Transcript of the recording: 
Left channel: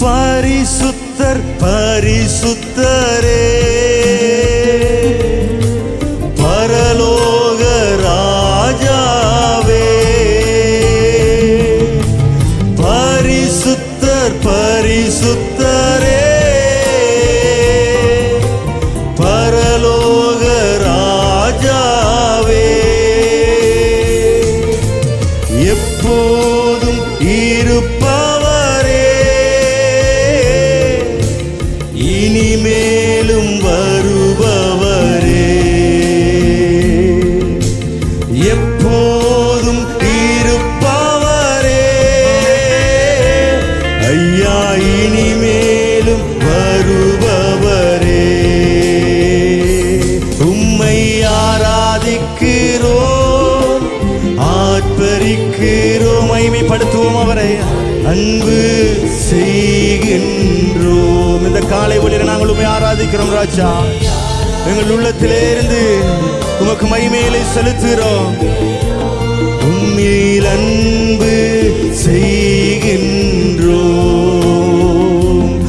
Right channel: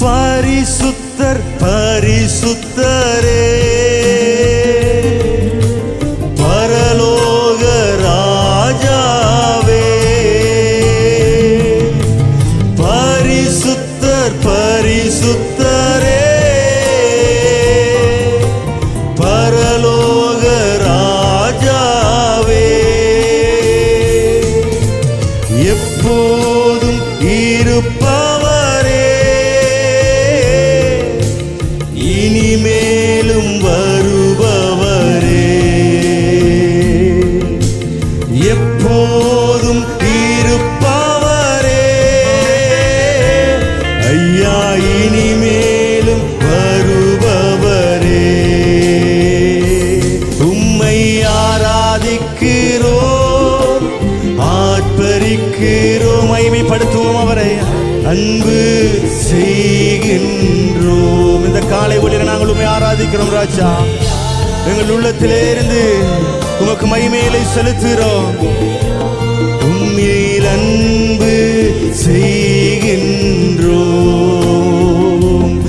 பரிசுத்தர் பரிசுத்தரே. பரலோக ராஜாவே. பரிசுத்தர் பரிசுத்தரே. பரலோக ராஜாவே. எப்போதும் இருப்பவரே இனிமேலும் வருபவரே. எப்போதும் இருப்பவரே. ஐயா இனிமேலும் வருபவரே. உம்மை ஆராதிக்கிறோம் ஆற்பரிக்கிறோம் மகிமைப்படுத்துவோம் அவரை. அன்பு இந்த காலை ஒளியில நாங்கள் உண்மை ஆராதிக்கிறோம் ராஜா. எங்கள் உள்ளத்திலே இருந்து உமக்கு மகிமையிலை செலுத்துகிறோம். உண்மையில்